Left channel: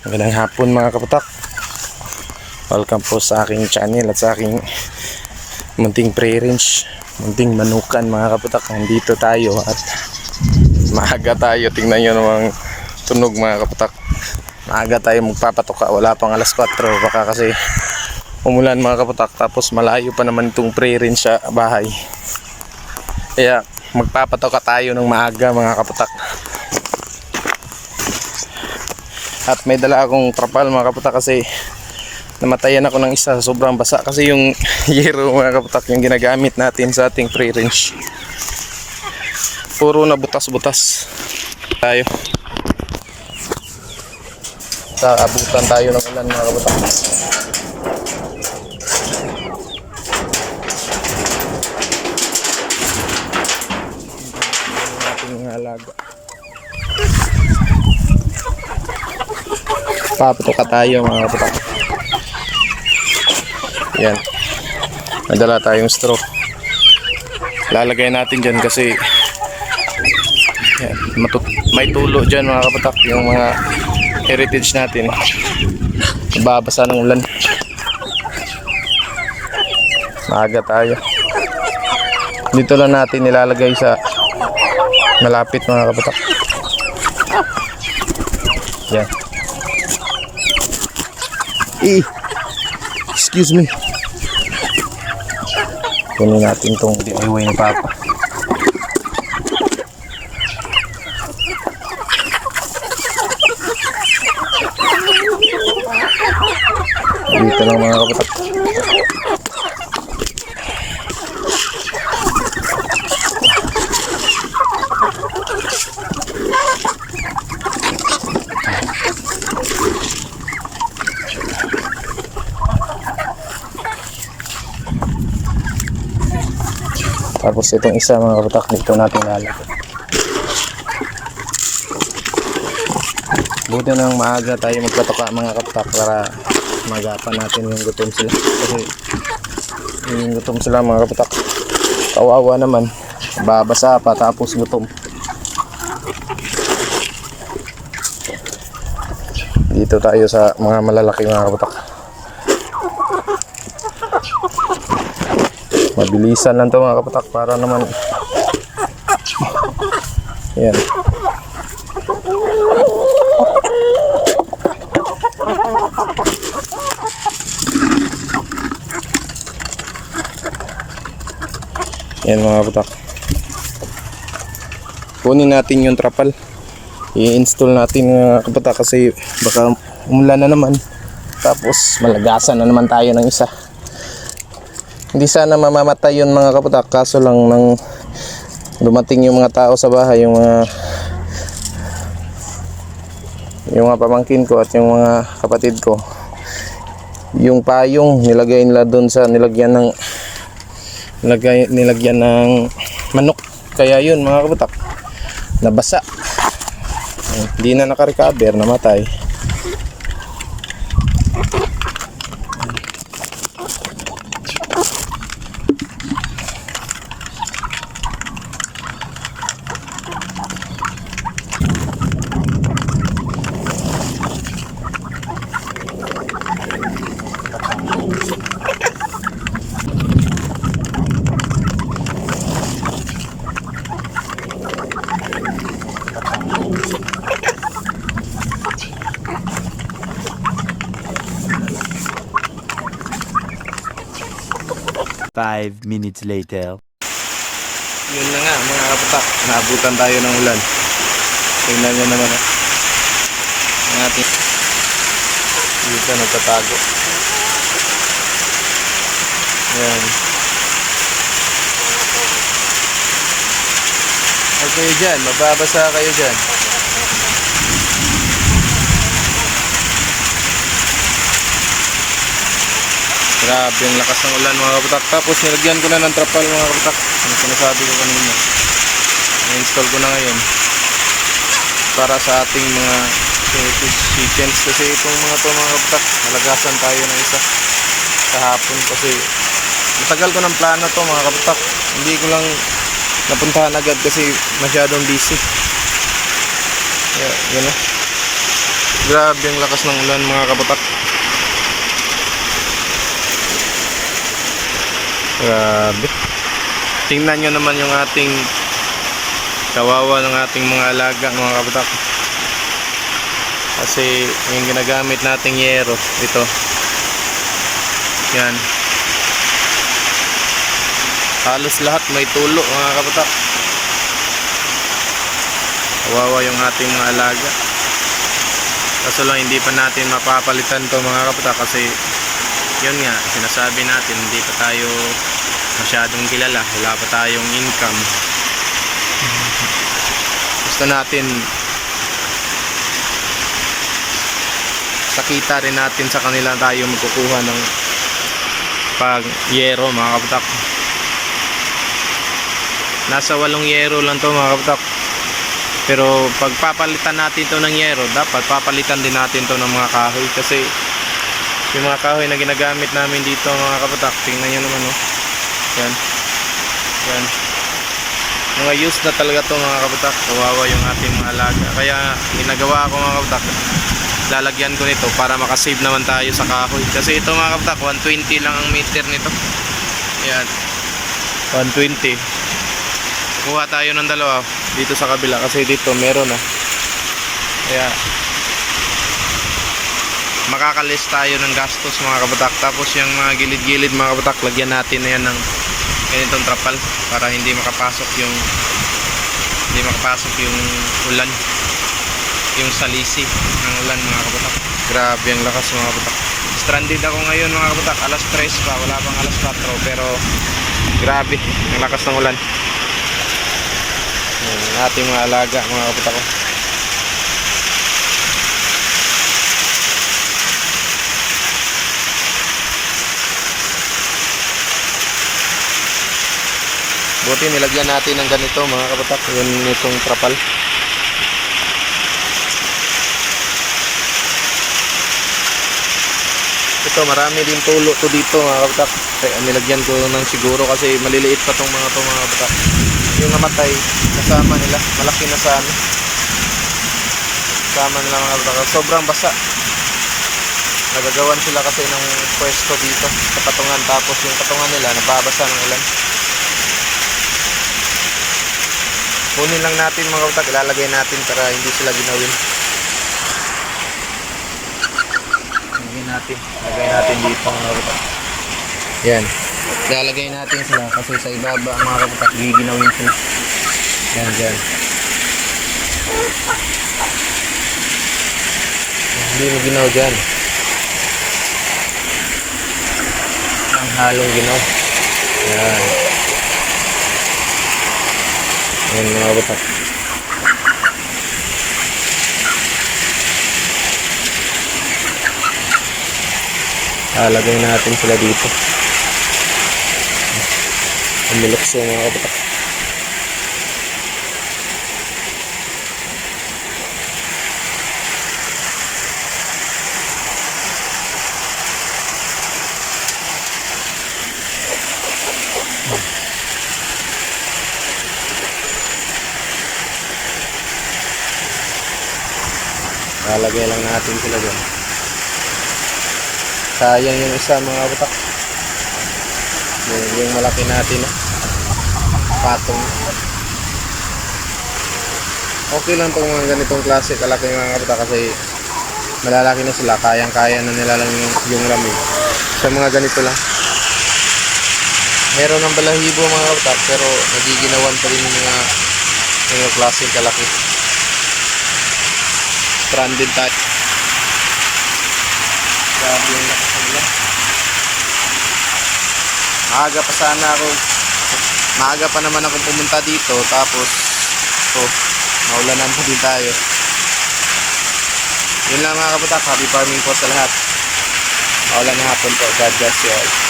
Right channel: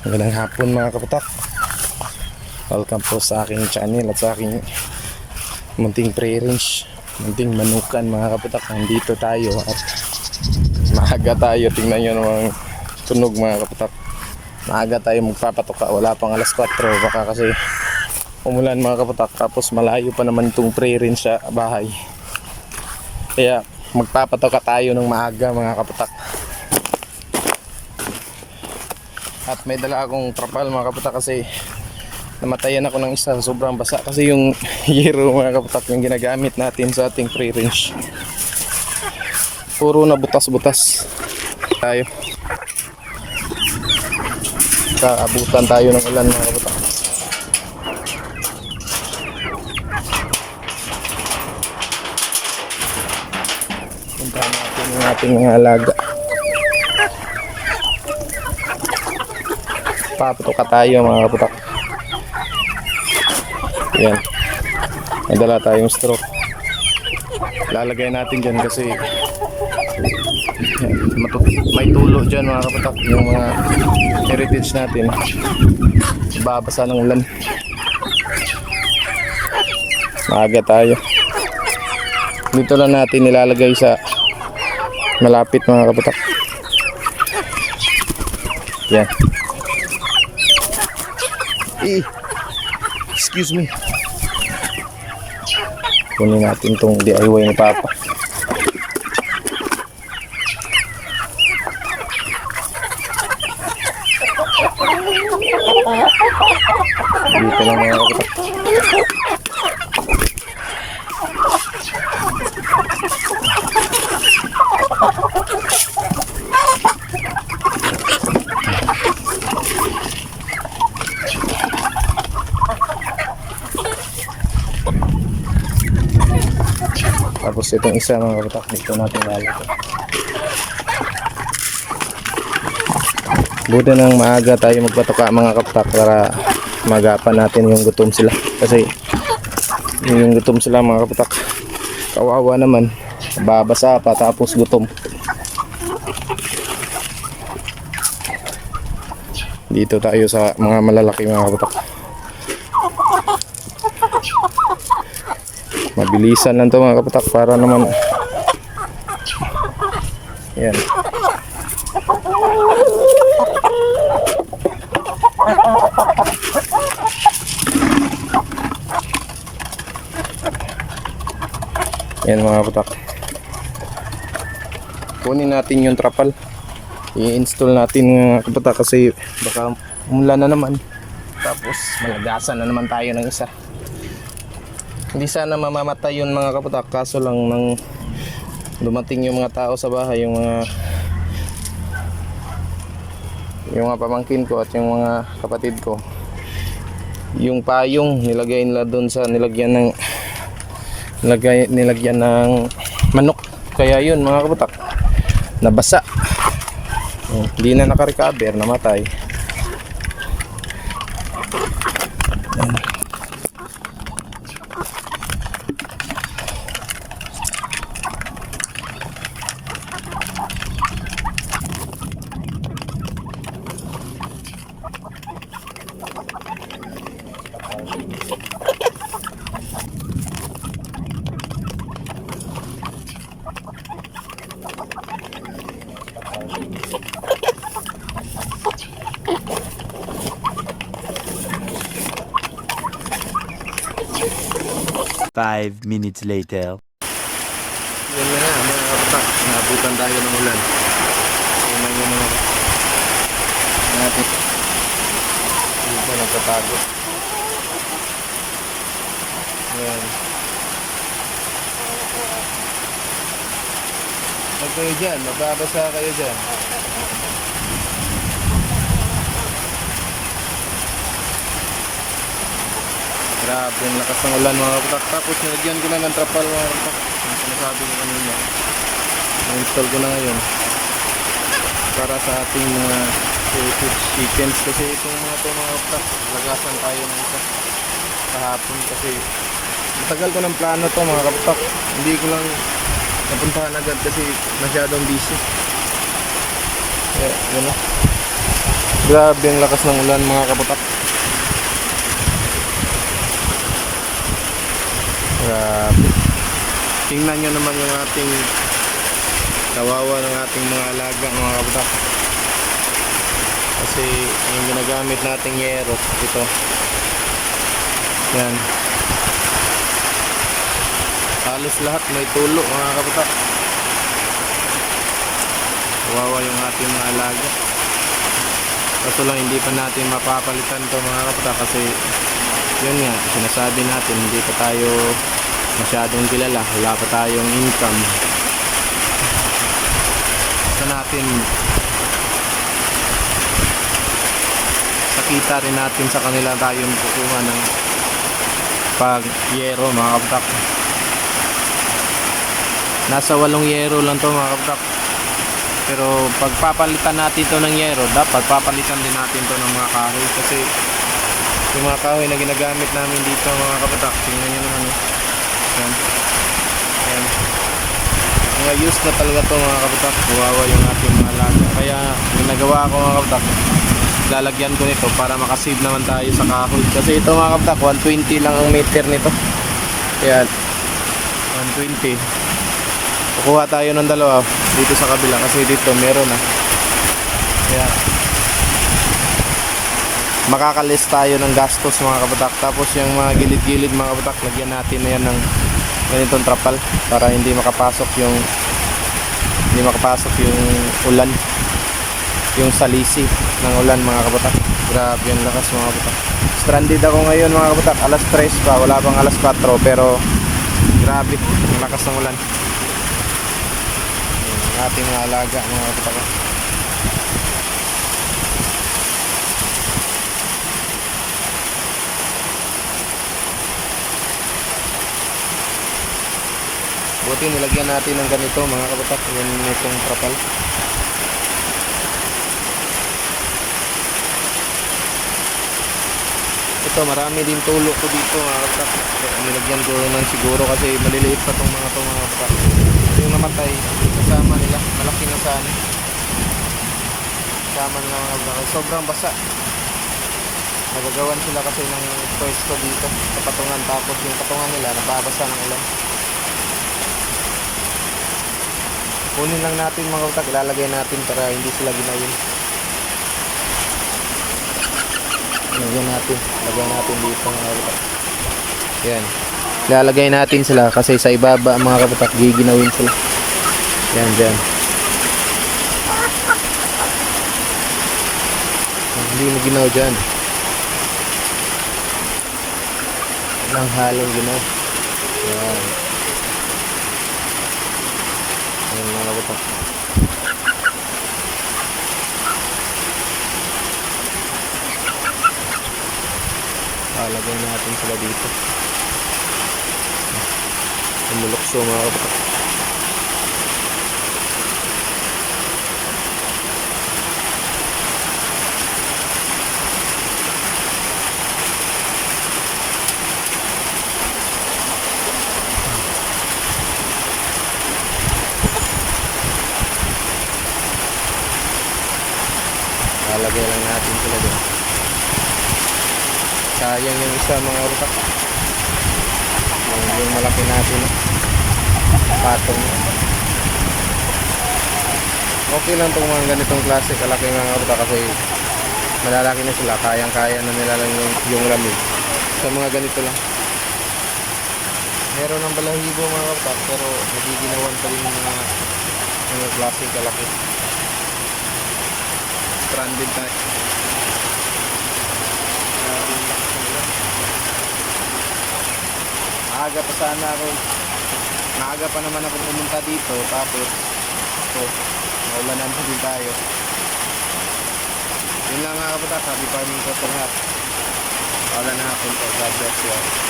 Magandang hapon mga kaputak. Welcome po sa aking channel at sa aking munting pre-range, munting manukan mga kaputak. Nandito tayo at maaga tayo. Tingnan nyo namang tunog mga kaputak. Maaga tayo magpapatoka. Wala pang alas 4. Baka kasi umulan mga kaputak. Tapos malayo pa naman itong pre-range sa bahay. Kaya magpapatoka tayo ng maaga mga kaputak. At may dala akong trapal mga kaputak kasi namatayan ako ng isa, sobrang basa kasi yung yero mga kaputak yung ginagamit natin sa ating free range. Puro na butas-butas tayo. Kaabutan tayo ng ulan mga kaputak. Puntahan natin yung ating mga alaga. Papatoka tayo mga kaputak. Yan, nadala tayong straw. Lalagay natin dyan kasi yan, may tulo dyan mga kapatak. Yung mga heritage natin babasa ng ulan. Maaga tayo. Dito lang natin nilalagay sa malapit mga kapatak. Yan. Excuse me. Kunin natin tong DIY ni Papa. Dito lang mga kaputak. Tapos itong isa mga kaputak dito natin lalagay. Buti nang maaga tayo magkatoka mga kaputak para magapan natin yung gutom sila. Kasi yung gutom sila mga kaputak, kawawa naman, babasa pa tapos gutom. Dito tayo sa mga malalaki mga kaputak. Mabilisan lang to mga kaputak para naman yan. Yan mga kaputak. Kunin natin yung trapal. I-install natin mga kaputak kasi baka umulan na naman. Tapos malagasan na naman tayo ng isa. Hindi sana mamamatay yun mga kaputak, kaso lang nang dumating yung mga tao sa bahay, yung mga pamangkin ko at yung mga kapatid ko, yung payong nilagay nila doon sa nilagyan ng manok, kaya yun mga kaputak nabasa, hindi na nakarecover, namatay. Five minutes later. Yun na nga mga kaputak, naabutan tayo ng ulan. Tingnan nyo naman natin dito nagtatago. Yan. Huwag kayo dyan, mababasa kayo dyan. Grabe ang lakas ng ulan mga kaputak. Tapos nilagyan ko na ng trapal mga kaputak. Yung sinasabi ko kanina, i-install ko na ngayon para sa ating mga heritage chickens. Kasi itong mga to mga kaputak, malagasan tayo ng isa kahapon kasi matagal ko ng plano to mga kaputak. Hindi ko lang napuntahan agad kasi masyadong busy. Yun na. Grabe ang lakas ng ulan mga kaputak. Grabe. Tingnan nyo naman yung ating kawawa ng ating mga alaga mga kaputak. Kasi yung ginagamit nating yero, ito. Yan. Halos lahat may tulo mga kaputak. Kawawa yung ating mga alaga. Kaso lang hindi pa natin mapapalitan to mga kaputak kasi yun nga, sinasabi natin hindi pa tayo masyadong kilala, wala pa tayong income. Gusto natin sakita rin natin sa kanila tayo magkukuha ng pag-yero mga kaputak. Nasa 8 yero lang to mga kaputak. Pero pag papalitan natin to ng yero, dapat papalitan din natin to ng mga kahoy kasi yung mga kahoy na ginagamit namin dito mga kaputak, tingnan nyo naman oh. Yan. Yan. Mga used na talaga to mga kaputak. Kawawa yung ating mga alaga. Kaya ginagawa ko mga kaputak, lalagyan ko nito para makasave naman tayo sa kahoy. Kasi ito mga kaputak, 120 lang ang meter nito. Yan. 120. Kukuha tayo ng dalawa dito sa kabila kasi dito meron na. Kaya makakalis tayo ng gastos mga kabatak. Tapos yung mga gilid-gilid mga kabatak, lagyan natin na yan ng ganitong trapal para hindi makapasok yung ulan, yung salisi ng ulan mga kabatak. Grabe ang lakas mga kabatak. Stranded ako ngayon mga kabatak, alas 3 pa, wala pang alas 4, pero grabe ang lakas ng ulan. Ating mga alaga mga kaputak ko. Buti nilagyan natin ng ganito mga kaputak, yun itong trapal. Ito marami din tulo to dito mga kaputak. Nilagyan ko ng siguro kasi maliliit pa tong mga to mga kaputak. Yung namatay kasama nila, malaki na sa ano, kasama nila mga kaputak. Sobrang basa. Nagagawan sila kasi ng pwesto dito sa patungan, tapos yung patungan nila nababasa ng ulan. Kunin lang natin mga kaputak, ilalagay natin para hindi sila ginawin. Lagay natin dito mga kaputak. Yan. Ilalagay natin sila kasi sa ibaba mga kaputak giginawin sila. Yan dyan. Hindi mo ginaw dyan. Ang halong ginaw. Yan. Yan mga kaputak. Lalagay natin sila dito. Umulokso mga kaputak. Lalagay lang natin sila dyan. Sayang yung isa mga kaputak. Yung malaki natin patong. Okay lang itong mga ganitong klase kalaki mga kaputak kasi malalaki na sila, kayang-kaya na nila lang yung lamig. Sa mga ganito lang meron ng balahibo mga kaputak pero nagiginawan pa rin yung mga klaseng kalaki. Stranded tayo. Grabe yung lakas ng ulan. Maaga pa naman ako pumunta dito, tapos maulanan pa din tayo. Yun lang mga kaputak, happy farming po sa lahat. Maulan na hapon po. God bless you all.